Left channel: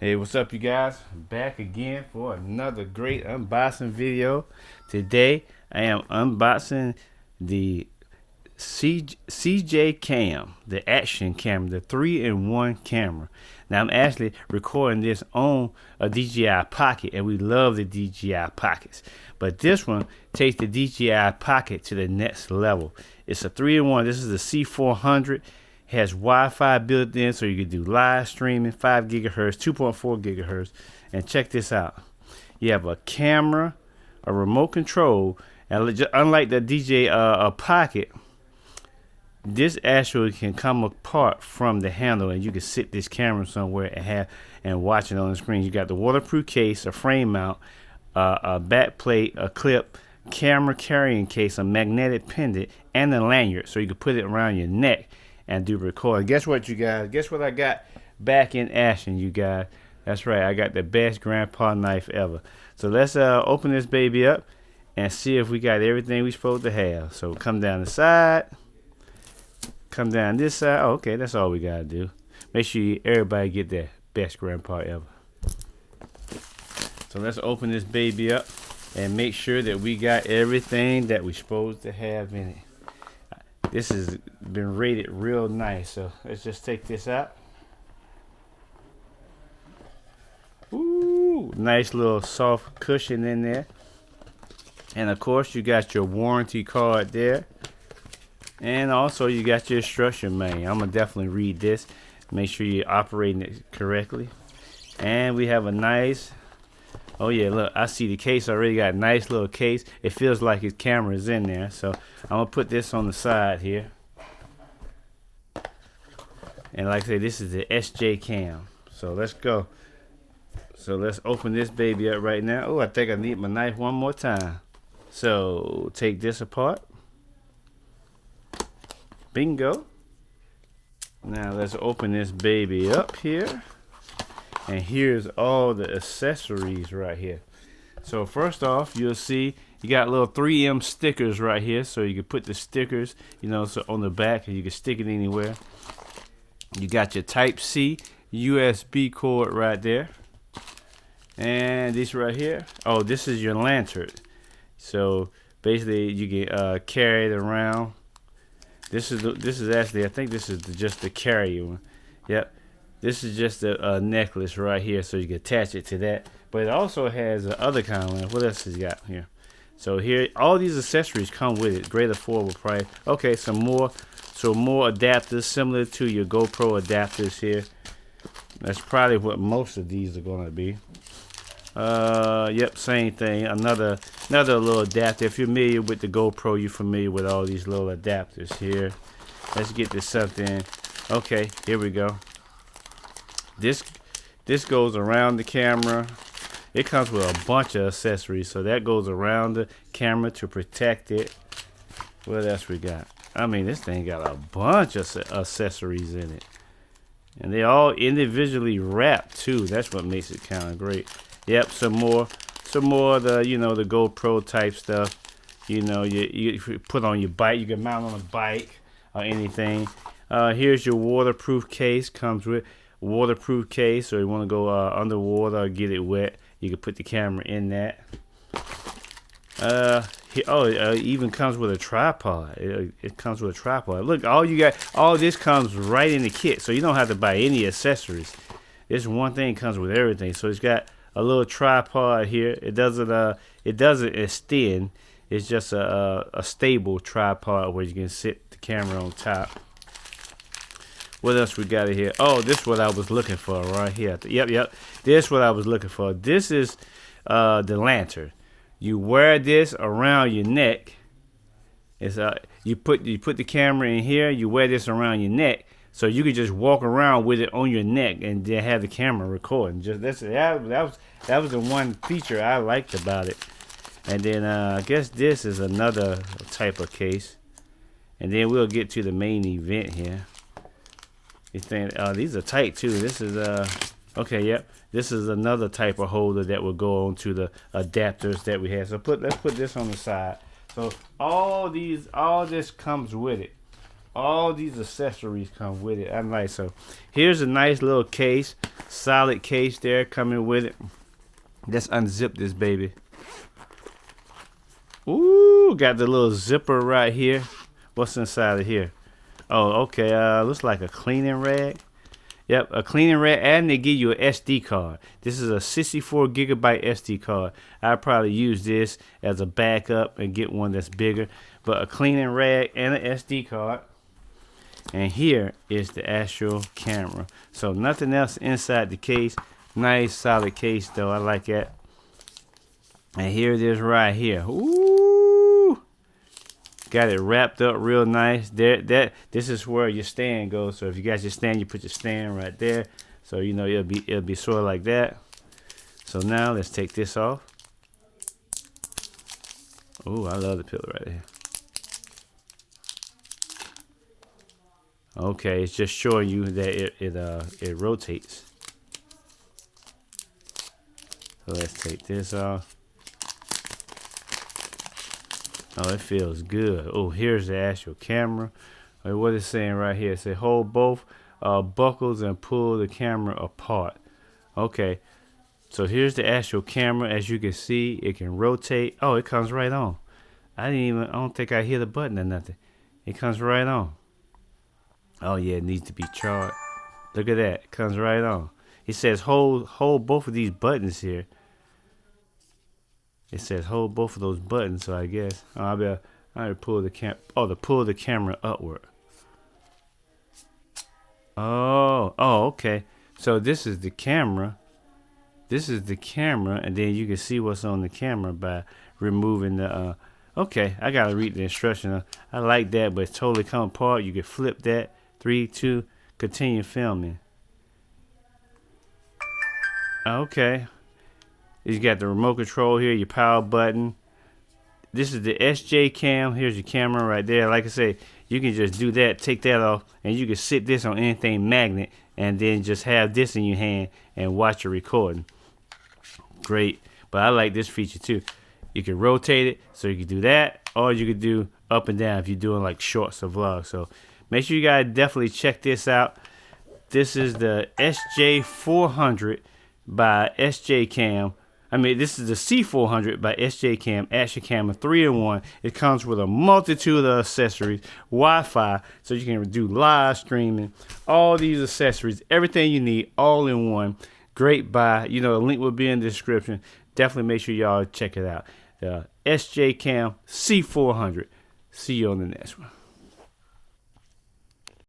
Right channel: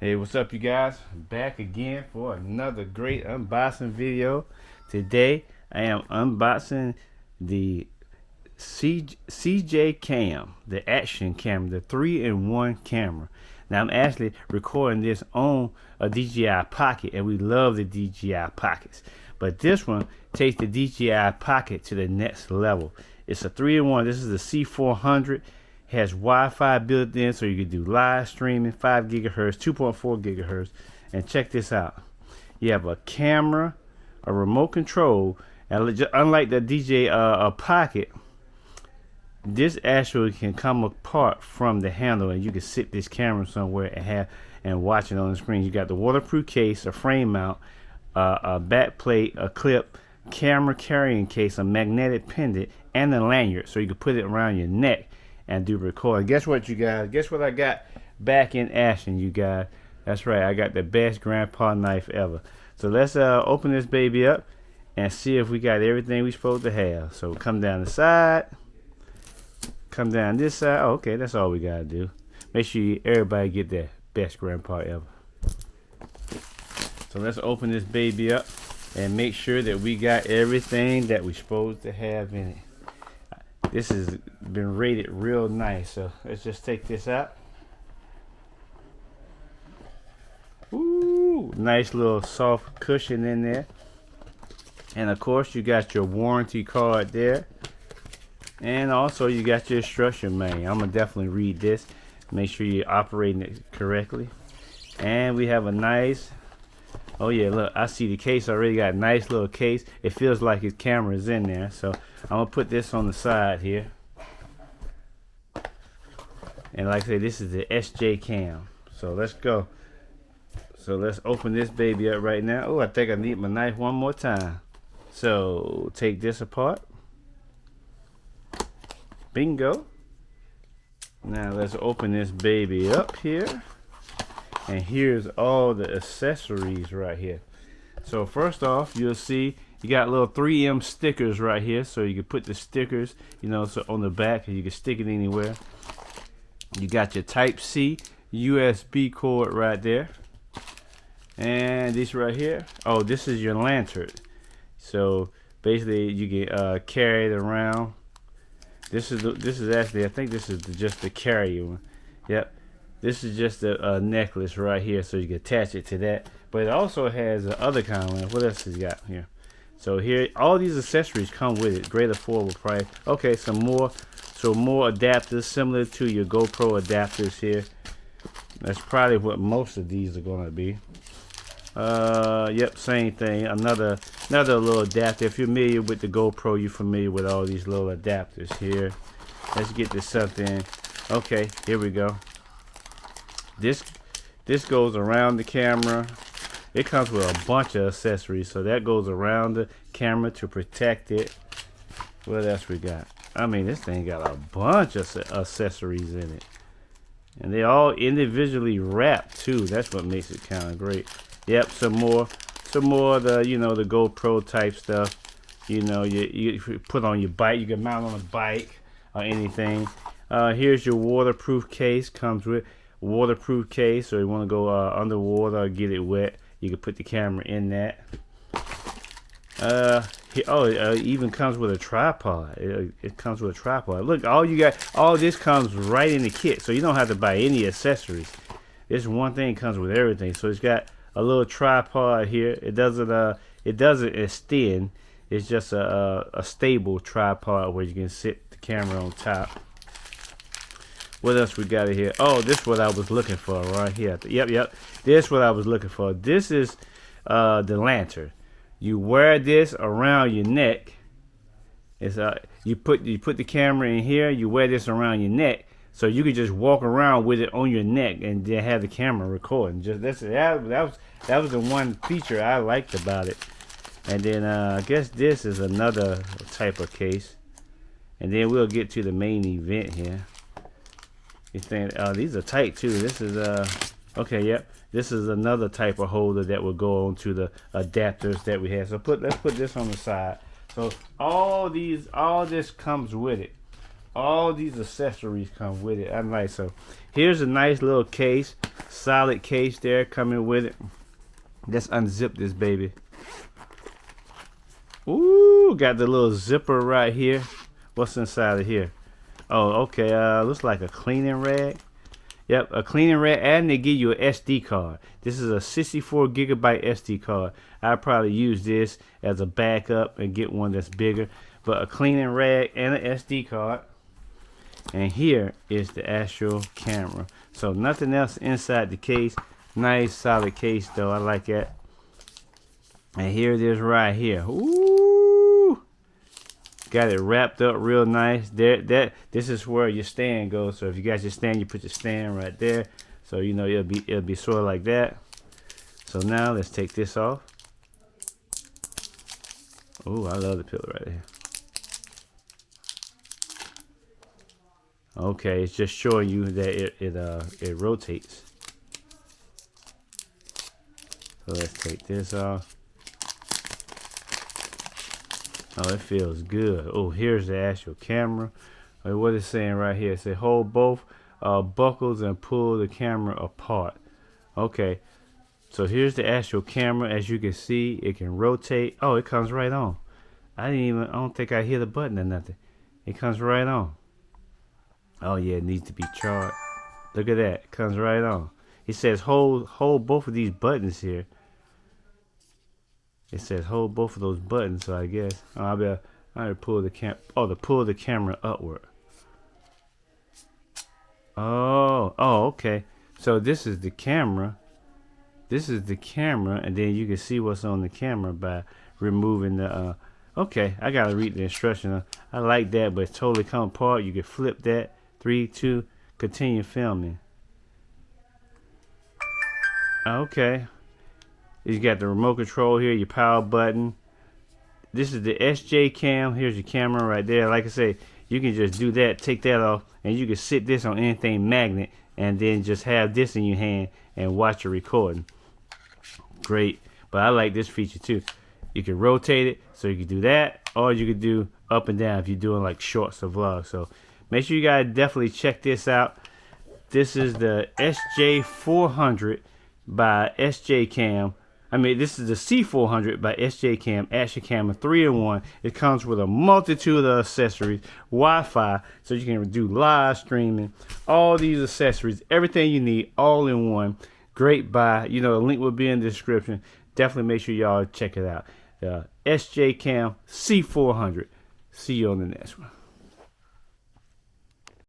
Hey, what's up, you guys? Back again for another great unboxing video. Today I am unboxing the SJCAM, the action camera, the 3-in-1 camera. Now I'm actually recording this on a DJI Pocket, and we love the DJI Pockets. But this one takes the DJI Pocket to the next level. It's a 3-in-1. This is the C400. Has Wi-Fi built in, so you can do live streaming, 5 gigahertz, 2.4 gigahertz. And check this out. You have a camera, a remote control, and unlike the DJI Pocket, this actually can come apart from the handle, and you can sit this camera somewhere and watch it on the screen. You got the waterproof case, a frame mount, a back plate, a clip, camera carrying case, a magnetic pendant, and a lanyard, so you can put it around your neck and do record. Guess what, you guys? Guess what I got back in action, you guys? That's right, I got the best grandpa knife ever. So let's open this baby up and see if we got everything we supposed to have. So come down the side, come down this side. Oh, okay, that's all we gotta do. Make sure everybody get that best grandpa ever. So let's open this baby up and make sure that we got everything that we supposed to have in it. This has been rated real nice, so let's just take this out. Ooh, nice little soft cushion in there. And of course you got your warranty card there. And also you got your instruction manual. I'm gonna definitely read this. Make sure you're operating it correctly. And we have a nice, oh yeah, look, I see the case already got a nice little case. It feels like his camera is in there. So I'm gonna put this on the side here. And like I say, this is the SJCAM. So let's go. So let's open this baby up right now. Oh, I think I need my knife one more time. So take this apart. Bingo. Now let's open this baby up here. And here's all the accessories right here. So first off, you'll see you got little 3M stickers right here, so you can put the stickers, so on the back, and you can stick it anywhere. You got your Type-C USB cord right there. And this right here, oh, this is your lantern. So basically you can carry it around. This is actually, I think this is just the carrier one. Yep. This is just a necklace right here, so you can attach it to that. But it also has the other kind of one. What else has it got here? So here, all these accessories come with it. Great affordable price. Okay, some more adapters similar to your GoPro adapters here. That's probably what most of these are gonna be. Yep, same thing. Another little adapter. If you're familiar with the GoPro, you're familiar with all these little adapters here. Let's get this something. Okay, here we go. This goes around the camera. It comes with a bunch of accessories, so that goes around the camera to protect it. What else we got? I mean, this thing got a bunch of accessories in it, and they all individually wrapped too. That's what makes it kind of great. Yep, some more of the the GoPro type stuff. You put on your bike. You can mount on a bike or anything. Here's your waterproof case. Comes with waterproof case, or you want to go underwater or get it wet, you can put the camera in that. It even comes with a tripod. It comes with a tripod. Look, all this comes right in the kit, so you don't have to buy any accessories. This one thing comes with everything. So it's got a little tripod here. It doesn't extend. It's just a stable tripod where you can sit the camera on top. What else we got in here? Oh, this is what I was looking for right here. Yep. This is what I was looking for. This is the lantern. You wear this around your neck. It's you put the camera in here. You wear this around your neck, so you can just walk around with it on your neck and then have the camera recording. That was the one feature I liked about it. And then I guess this is another type of case. And then we'll get to the main event here. These are tight too. This is okay, yep. This is another type of holder that will go on to the adapters that we have. So let's put this on the side. So all this comes with it. all these accessories come with it. I'm like, so here's a nice little case, solid case there coming with it. Let's unzip this baby. Ooh, got the little zipper right here. What's inside of here? Oh, okay. Looks like a cleaning rag. Yep, a cleaning rag, and they give you an SD card. This is a 64 gigabyte SD card. I'll probably use this as a backup and get one that's bigger. But a cleaning rag and an SD card. And here is the actual camera. So nothing else inside the case. Nice solid case though. I like that. And here it is right here. Ooh. Got it wrapped up real nice. This is where your stand goes. So if you got your stand, you put your stand right there. So you know it'll be sort of like that. So now let's take this off. Ooh, I love the pillow right here. Okay, it's just showing you that it rotates. So let's take this off. Oh, it feels good. Oh, here's the actual camera. What it's saying right here, it says hold both buckles and pull the camera apart. Okay, so here's the actual camera. As you can see, it can rotate. Oh, it comes right on. I don't think I hit a button or nothing. It comes right on. Oh yeah, it needs to be charged. Look at that, it comes right on. It says hold both of these buttons here. It says hold both of those buttons, so I guess I'll pull the to pull the camera upward. Oh, okay. So this is the camera. This is the camera, and then you can see what's on the camera by removing the okay, I gotta read the instruction. I like that, but it's totally come apart. You can flip that. 3, 2, continue filming. Okay. You got the remote control here, your power button. This is the SJCAM. Here's your camera right there. Like I say, you can just do that, take that off, and you can sit this on anything magnet, and then just have this in your hand and watch your recording. Great. But I like this feature too. You can rotate it, so you can do that, or you can do up and down if you're doing like shorts or vlogs. So make sure you guys definitely check this out. This is the SJ400 by SJCAM. This is the C400 by SJCAM, Action Camera 3-in-1. It comes with a multitude of accessories, Wi-Fi, so you can do live streaming, all these accessories, everything you need, all in one. Great buy. The link will be in the description. Definitely make sure y'all check it out. The SJCAM C400. See you on the next one.